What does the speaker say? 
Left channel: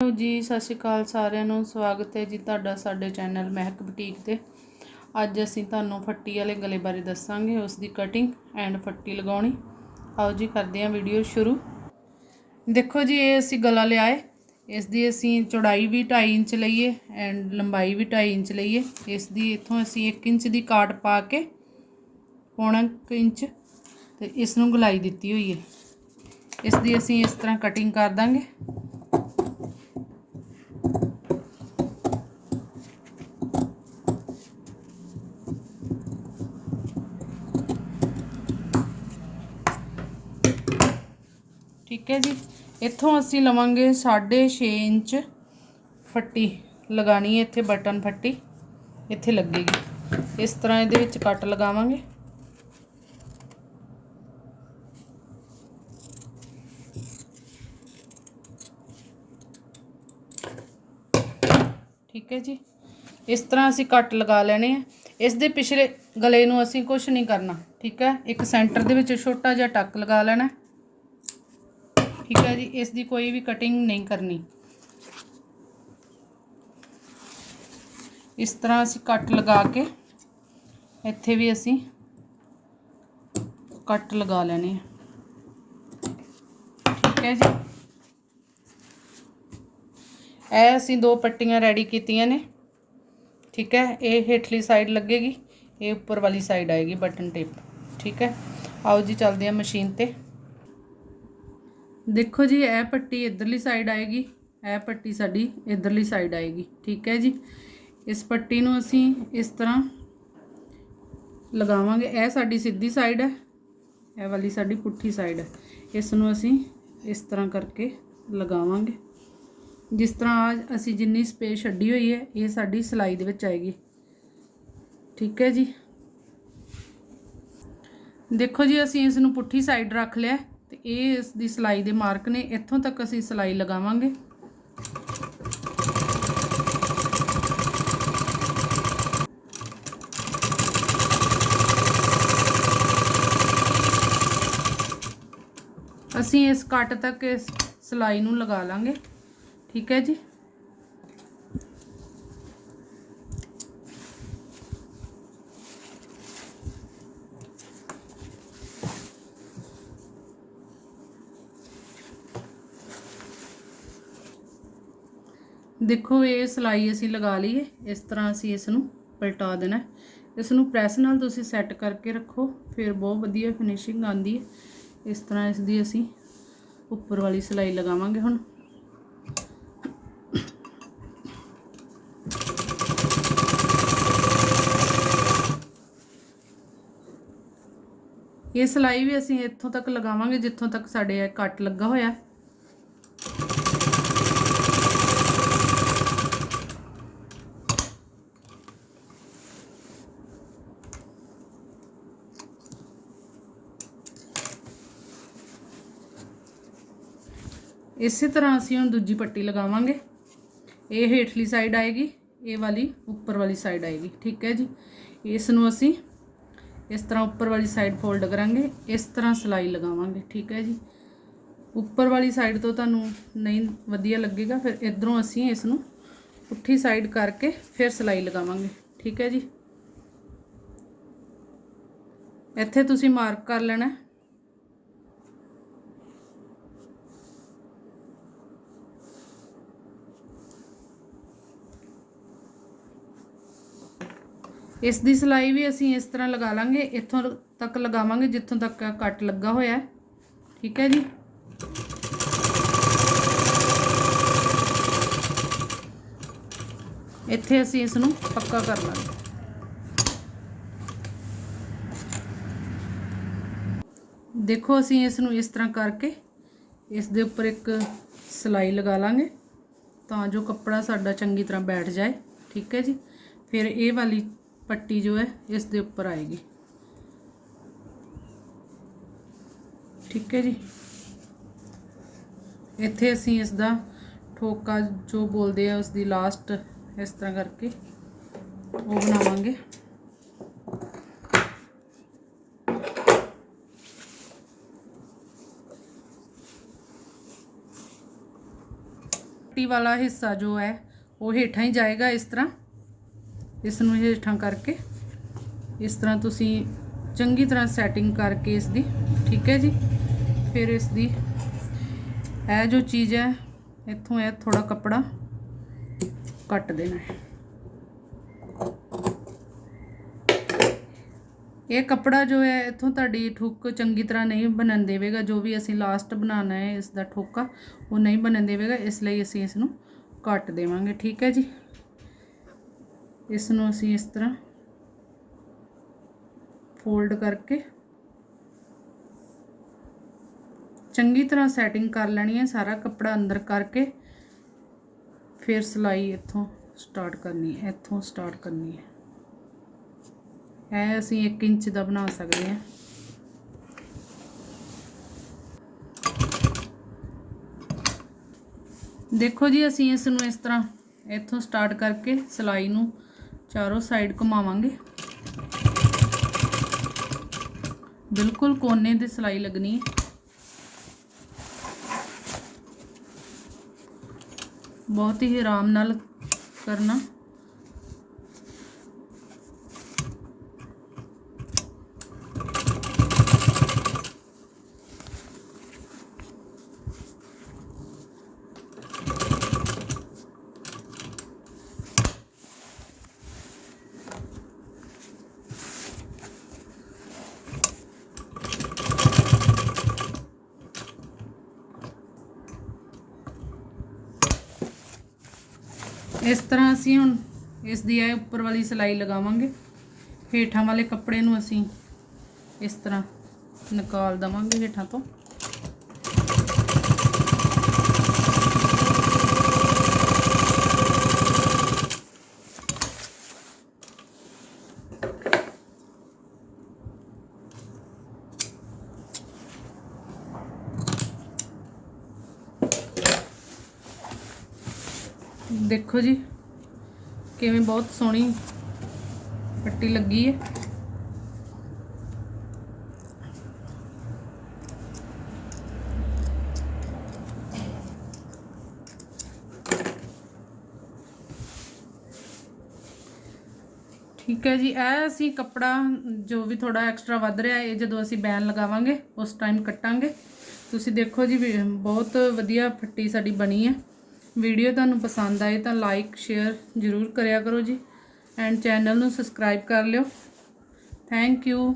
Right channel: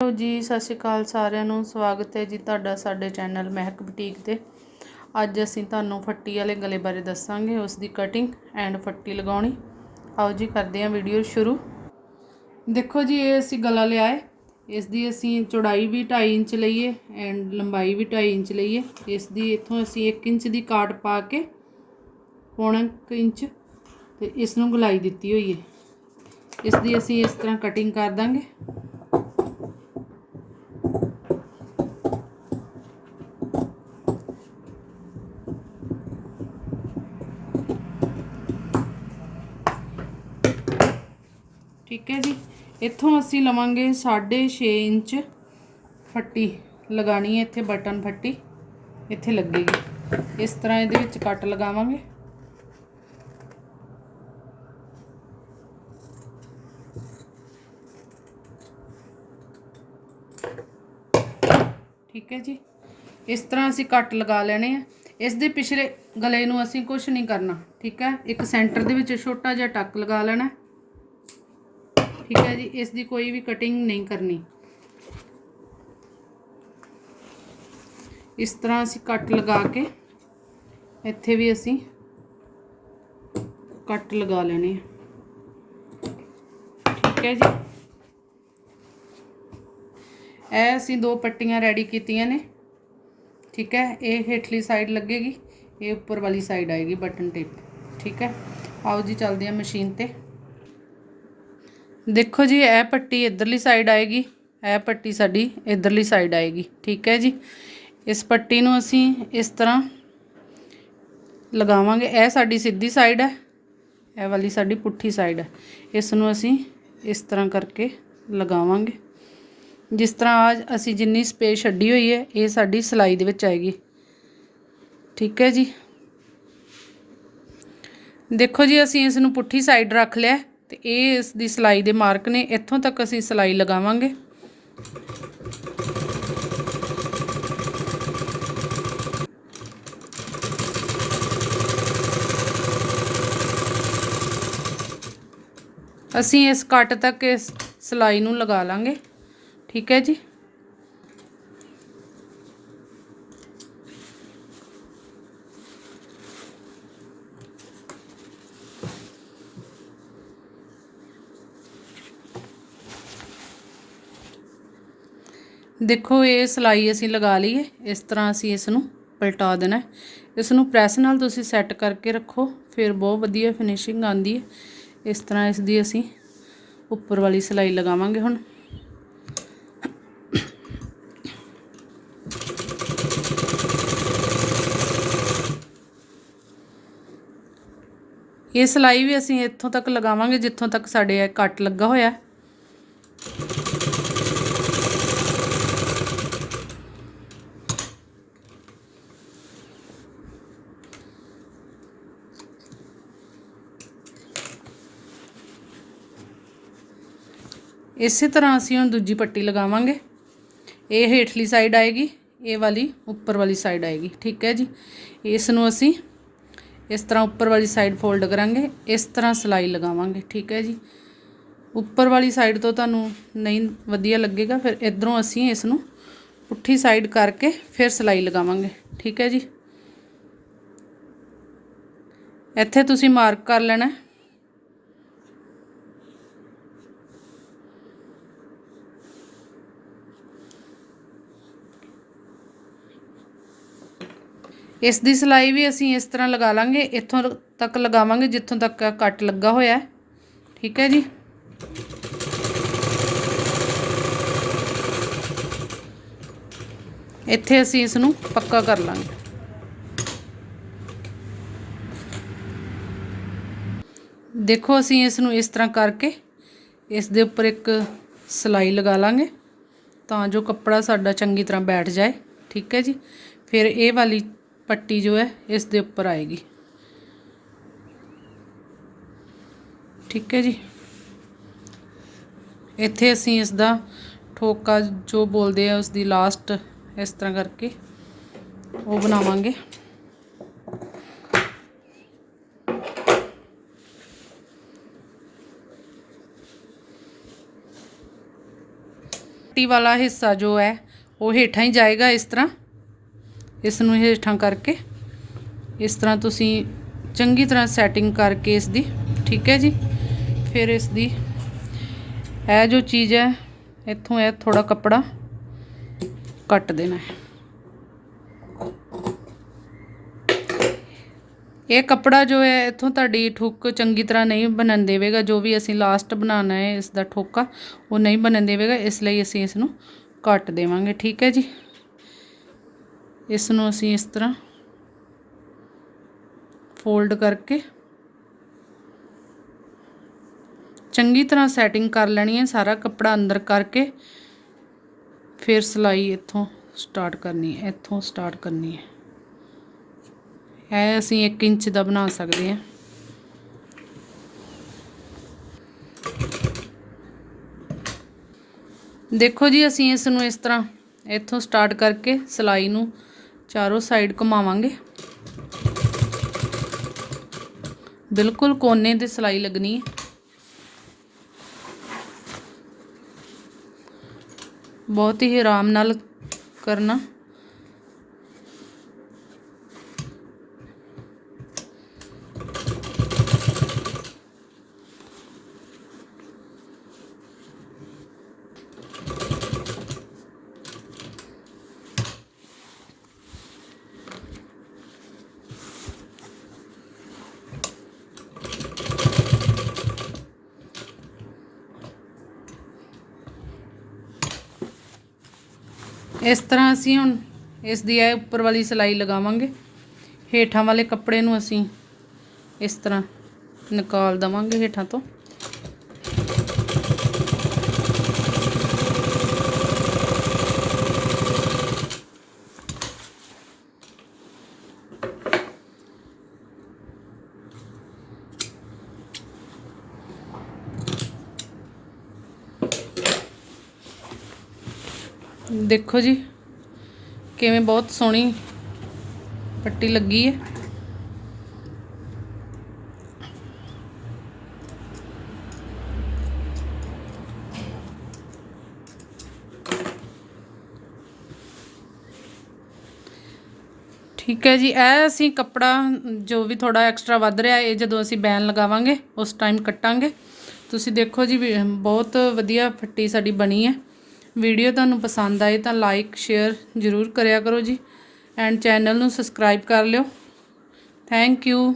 Hello ਜੀ, ਸਤਿ ਸ਼੍ਰੀ ਅਕਾਲ ਸਾਰਿਆਂ ਨੂੰ। ਸਵਾਗਤ ਹੈ ਜੀ ਤੁਹਾਡਾ ਸਾਡੇ ਚੈਨਲ ਮਹਿਕ ਬੁਟੀਕ ਤੇ। ਅੱਜ ਅਸੀਂ ਤੁਹਾਨੂੰ ਫੱਟੀ ਵਾਲੇ ਗਲੇ ਬਾਰੇ ਦੱਸਾਂਗੇ, ਉਸ ਦੀ ਕਟਿੰਗ ਐਂਡ ਫੱਟੀ ਲਗਾਉਣੀ। ਆਓ ਜੀ, ਕਰਦੇ ਹਾਂ ਵੀਡੀਓ ਸ਼ੁਰੂ। ਦੇਖੋ ਜੀ, ਇਹ ਅਸੀਂ ਗਲਾ ਲਿਆ ਹੈ। ਇਸ ਦੀ ਅਸੀਂ ਚੌੜਾਈ ਵੀ 2.5 ਇੰਚ ਲਈਏ ਐਂਡ ਲੰਬਾਈ ਵੀ 2.5 ਇੰਚ ਲਈਏ। ਇਸ ਦੀ ਇੱਥੋਂ ਅਸੀਂ 1 ਇੰਚ ਦੀ ਕਾਟ ਪਾ ਕੇ ਪੌਣਾ ਕੁ ਇੰਚ ਤੇ ਇਸ ਨੂੰ ਗਲਾਈ ਦਿੱਤੀ ਹੋਈ ਹੈ। ਇਸ ਦੀ ਅਸੀਂ ਇਸ ਤਰ੍ਹਾਂ ਕਟਿੰਗ ਕਰ ਦਾਂਗੇ। ਠੀਕ ਹੈ ਜੀ, ਇੱਥੋਂ ਅਸੀਂ ਲਵਾਂਗੇ 6.5 ਇੰਚ ਫੱਟੀ ਲਗਾਣੀ ਹੈ ਇੱਥੇ ਬਟਨ ਫੱਟੀ, ਇੱਥੇ ਲੱਗੇਗੀ। ਇਸ ਤਰ੍ਹਾਂ ਇਹਦੇ ਵਿੱਚ ਕੱਟ ਲਗਾਵਾਂਗੇ। ਠੀਕ ਹੈ ਜੀ। ਇਸ ਤਰ੍ਹਾਂ ਅਸੀਂ ਕੱਟ ਲਗਾ ਲੈਣੇ ਆ। ਇਸ ਦੇ ਪਿਛਲੇ ਗਲੇ ਨੂੰ ਅਸੀਂ ਕੁਝ ਨਹੀਂ ਕਰਨਾ, ਠੀਕ ਹੈ। ਇੱਕ ਸੈਂਟਰ ਦੇ ਵਿੱਚ ਛੋਟਾ ਜਿਹਾ ਟੱਕ ਲਗਾ ਲੈਣਾ। ਠੀਕ ਹੈ ਜੀ ਇਸ ਦੀ ਕੋਈ ਵੀ ਕਟਿੰਗ ਨਹੀਂ ਕਰਨੀ ਇਸ ਤਰ੍ਹਾਂ ਅਸੀਂ ਕੱਟ ਲਗਾ ਕੇ ਇੱਥੇ ਵੀ ਅਸੀਂ ਕੱਟ ਲਗਾ ਲੈਣੇ ਠੀਕ ਹੈ ਜੀ ਇਹ ਅਸੀਂ ਦੋ ਪੱਟੀਆਂ ਰੈਡੀ ਕੀਤੀਆਂ ਨੇ ਠੀਕ ਹੈ ਇਹ ਹੇਠਲੀ ਸਾਈਡ ਲੱਗੇਗੀ ਇਹ ਉੱਪਰ ਵਾਲੀ ਸਾਈਡ ਆਏਗੀ ਬਟਨ ਟੇਪ ਠੀਕ ਹੈ ਆਓ ਜੀ ਚੱਲਦੇ ਹਾਂ ਮਸ਼ੀਨ ਤੇ ਦੇਖੋ ਜੀ, ਇਹ ਪੱਟੀ ਇਧਰਲੀ ਸਾਈਡ ਆਏਗੀ, ਇਹ ਪੱਟੀ ਸਾਡੀ ਇਧਰਲੀ ਸਾਈਡ ਆਏਗੀ, ਠੀਕ ਹੈ ਜੀ? ਇਸ ਪੱਟੀ ਨੂੰ ਅਸੀਂ ਇਸ ਤਰ੍ਹਾਂ ਲਗਾਵਾਂਗੇ, ਇਹ ਸਾਡੀ ਸਿੱਧੀ ਸਾਈਡ ਹੈ, ਇਹ ਵਾਲੀ ਸਾਡੀ ਪੁੱਠੀ ਸਾਈਡ ਹੈ। ਇਸ ਨੂੰ ਅਸੀਂ ਇਸ ਤਰ੍ਹਾਂ ਕਰਕੇ ਲਗਾਵਾਂਗੇ। ਜਿਸ ਤਰ੍ਹਾਂ ਅੱਜ ਅਸੀਂ ਜਿੰਨੀ ਸਪੇਸ ਛੱਡੀ ਹੋਈ ਹੈ, ਇਹ ਸਾਡੀ ਸਿਲਾਈ ਦੇ ਵਿੱਚ ਆਏਗੀ, ਠੀਕ ਹੈ ਜੀ? ਦੇਖੋ ਜੀ, ਅਸੀਂ ਇਸ ਨੂੰ ਪੁੱਠੀ ਸਾਈਡ ਰੱਖ ਲਿਆ। ਤੇ ਇਹ ਇਸ ਦੀ ਸਿਲਾਈ ਦੇ ਮਾਰਕ ਨੇ, ਇੱਥੋਂ ਤੱਕ ਅਸੀਂ ਸਿਲਾਈ ਲਗਾਵਾਂਗੇ। ਅਸੀਂ ਇਸ ਕੱਟ ਤੱਕ ਇਸ ਸਿਲਾਈ ਨੂੰ ਲਗਾ ਲਾਂਗੇ। ਠੀਕ ਹੈ ਜੀ? ਦੇਖੋ, ਇਹ ਸਲਾਈ ਅਸੀਂ ਲਗਾ ਲਈ ਹੈ ਇਸ ਤਰ੍ਹਾਂ ਅਸੀਂ ਇਸ ਨੂੰ ਪਲਟਾ ਦੇਣਾ ਇਸ ਨੂੰ ਪ੍ਰੈਸ ਨਾਲ ਤੁਸੀਂ ਸੈੱਟ ਕਰਕੇ ਰੱਖੋ। ਫਿਰ ਬਹੁਤ ਵਧੀਆ ਫਿਨਿਸ਼ਿੰਗ ਆਉਂਦੀ ਹੈ। ਇਸ ਤਰ੍ਹਾਂ ਇਸ ਦੀ ਅਸੀਂ ਉੱਪਰ ਵਾਲੀ ਸਲਾਈ ਲਗਾਵਾਂਗੇ ਹੁਣ। ਇਹ ਸਲਾਈ ਵੀ ਅਸੀਂ ਇੱਥੋਂ ਤੱਕ ਲਗਾਵਾਂਗੇ ਜਿੱਥੋਂ ਤੱਕ ਸਾਡੇ ਇਹ ਕੱਟ ਲੱਗਾ ਹੋਇਆ ਇਸੇ ਤਰ੍ਹਾਂ ਅਸੀਂ ਹੁਣ ਦੂਜੀ ਪੱਟੀ ਲਗਾਵਾਂਗੇ। ਇਹ ਹੇਠਲੀ ਸਾਈਡ ਆਏਗੀ, ਇਹ ਵਾਲੀ ਉੱਪਰ ਵਾਲੀ ਸਾਈਡ ਆਏਗੀ, ਠੀਕ ਹੈ ਜੀ। ਇਸ ਨੂੰ ਅਸੀਂ ਇਸ ਤਰ੍ਹਾਂ ਉੱਪਰ ਵਾਲੀ ਸਾਈਡ ਫੋਲਡ ਕਰਾਂਗੇ, ਇਸ ਤਰ੍ਹਾਂ ਸਲਾਈ ਲਗਾਵਾਂਗੇ, ਠੀਕ ਹੈ ਜੀ। ਉੱਪਰ ਵਾਲੀ ਸਾਈਡ ਤੋਂ ਤੁਹਾਨੂੰ ਨਹੀਂ ਵਧੀਆ ਲੱਗੇਗਾ, ਫਿਰ ਇਧਰੋਂ ਅਸੀਂ ਇਸ ਨੂੰ ਪੁੱਠੀ ਸਾਈਡ ਕਰਕੇ ਫਿਰ ਸਲਾਈ ਲਗਾਵਾਂਗੇ, ਠੀਕ ਹੈ ਜੀ। ਇੱਥੇ ਤੁਸੀਂ ਮਾਰਕ ਕਰ ਲੈਣਾ ਇਸ ਦੀ ਸਿਲਾਈ ਵੀ ਅਸੀਂ ਇਸ ਤਰ੍ਹਾਂ ਲਗਾ ਲਾਂਗੇ, ਇੱਥੋਂ ਤੱਕ ਲਗਾਵਾਂਗੇ ਜਿੱਥੋਂ ਤੱਕ ਕੱਟ ਲੱਗਾ ਹੋਇਆ ਠੀਕ ਹੈ ਜੀ। ਇੱਥੇ ਅਸੀਂ ਇਸ ਨੂੰ ਪੱਕਾ ਕਰ ਲਾਂਗੇ। ਦੇਖੋ ਅਸੀਂ ਇਸ ਨੂੰ ਇਸ ਤਰ੍ਹਾਂ ਕਰਕੇ ਇਸ ਦੇ ਉੱਪਰ ਇੱਕ ਸਲਾਈ ਲਗਾ ਲਾਂਗੇ ਤਾਂ ਜੋ ਕੱਪੜਾ ਸਾਡਾ ਚੰਗੀ ਤਰ੍ਹਾਂ ਬੈਠ ਜਾਏ। ਠੀਕ ਹੈ ਜੀ। ਫਿਰ ਇਹ ਵਾਲੀ ਪੱਟੀ ਜੋ ਹੈ ਇਸ ਦੇ ਉੱਪਰ ਆਏਗੀ ਠੀਕ ਹੈ ਜੀ ਇੱਥੇ ਅਸੀਂ ਇਸ ਦਾ ਠੋਕਾ ਜੋ ਬੋਲਦੇ ਆ ਉਸ ਦੀ ਲਾਸਟ ਇਸ ਤਰ੍ਹਾਂ ਕਰਕੇ ਉਹ ਬਣਾਵਾਂਗੇ ਪੱਟੀ ਵਾਲਾ ਹਿੱਸਾ ਜੋ ਹੈ ਉਹ ਹੇਠਾਂ ਹੀ ਜਾਏਗਾ ਇਸ ਤਰ੍ਹਾਂ ਇਸ ਨੂੰ ਹੇਠਾਂ ਕਰਕੇ ਇਸ ਤਰ੍ਹਾਂ ਤੁਸੀਂ ਚੰਗੀ ਤਰ੍ਹਾਂ ਸੈਟਿੰਗ ਕਰਕੇ ਇਸ ਦੀ ਠੀਕ ਹੈ ਜੀ? ਫਿਰ ਇਸ ਦੀ ਇਹ ਜੋ ਚੀਜ਼ ਹੈ, ਇੱਥੋਂ ਇਹ ਥੋੜਾ ਕੱਪੜਾ ਕੱਟ ਦੇਣਾ ਹੈ। ਇਹ ਕੱਪੜਾ ਜੋ ਹੈ, ਇੱਥੋਂ ਤੁਹਾਡੀ ਠੁੱਕ ਚੰਗੀ ਤਰ੍ਹਾਂ ਨਹੀਂ ਬਣਨ ਦੇਵੇਗਾ। ਜੋ ਵੀ ਅਸੀਂ ਲਾਸਟ ਬਣਾਉਣਾ ਹੈ ਇਸ ਦਾ ਠੋਕਾ, ਉਹ ਨਹੀਂ ਬਣਨ ਦੇਵੇਗਾ। ਇਸ ਲਈ ਅਸੀਂ ਇਸ ਨੂੰ ਕੱਟ ਦੇਵਾਂਗੇ, ਠੀਕ ਹੈ ਜੀ? ਇਸ ਨੂੰ ਅਸੀਂ ਇਸ ਤਰ੍ਹਾਂ ਫੋਲਡ ਕਰਕੇ ਚੰਗੀ ਤਰ੍ਹਾਂ ਸੈਟਿੰਗ ਕਰ ਲੈਣੀ ਹੈ, ਸਾਰਾ ਕੱਪੜਾ ਅੰਦਰ ਕਰਕੇ ਫਿਰ ਸਿਲਾਈ ਇੱਥੋਂ ਸਟਾਰਟ ਕਰਨੀ ਹੈ, ਇੱਥੋਂ ਸਟਾਰਟ ਕਰਨੀ ਹੈ। ਇਹ ਅਸੀਂ 1 ਇੰਚ ਦਾ ਬਣਾ ਸਕਦੇ ਹਾਂ। ਦੇਖੋ ਜੀ, ਅਸੀਂ ਇਸ ਨੂੰ ਇਸ ਤਰ੍ਹਾਂ ਇੱਥੋਂ ਸਟਾਰਟ ਕਰਕੇ ਸਿਲਾਈ ਨੂੰ ਚਾਰੋਂ ਸਾਈਡ ਘੁਮਾਵਾਂਗੇ ਬਿਲਕੁਲ ਕੋਨੇ ਤੇ ਸਿਲਾਈ ਲੱਗਣੀ ਹੈ ਬਹੁਤ ਹੀ ਆਰਾਮ ਨਾਲ ਕਰਨਾ ਇਸ ਤਰ੍ਹਾਂ ਅਸੀਂ ਹੁਣ ਇਸ ਦੀ ਇਹ ਉੱਪਰ ਵਾਲੀ ਸਿਲਾਈ ਲਗਾਵਾਂਗੇ। ਹੇਠਾਂ ਵਾਲੇ ਕੱਪੜੇ ਨੂੰ ਅਸੀਂ ਇਸ ਤਰ੍ਹਾਂ ਨਿਕਾਲ ਦਵਾਂਗੇ ਹੇਠਾਂ ਤੋਂ। ਦੇਖੋ ਜੀ, ਕਿਵੇਂ ਬਹੁਤ ਸੋਹਣੀ ਪੱਟੀ ਲੱਗੀ ਹੈ। ਠੀਕ ਹੈ ਜੀ, ਇਹ ਅਸੀਂ ਕੱਪੜਾ ਜੋ ਵੀ ਥੋੜਾ ਐਕਸਟਰਾ ਵੱਧ ਰਿਹਾ, ਇਹ ਜਦੋਂ ਅਸੀਂ ਬੈਨ ਲਗਾਵਾਂਗੇ, ਉਸ ਟਾਈਮ ਕੱਟਾਂਗੇ। ਤੁਸੀਂ ਦੇਖੋ ਜੀ, ਵੀ ਬਹੁਤ ਵਧੀਆ ਪੱਟੀ ਸਾਡੀ ਬਣੀ ਹੈ। ਵੀਡੀਓ ਤੁਹਾਨੂੰ ਪਸੰਦ ਆਏ ਤਾਂ ਲਾਈਕ ਸ਼ੇਅਰ ਜ਼ਰੂਰ ਕਰਿਆ ਕਰੋ ਜੀ ਐਂਡ ਚੈਨਲ ਨੂੰ ਸਬਸਕ੍ਰਾਈਬ ਕਰ ਲਿਓ। Thank you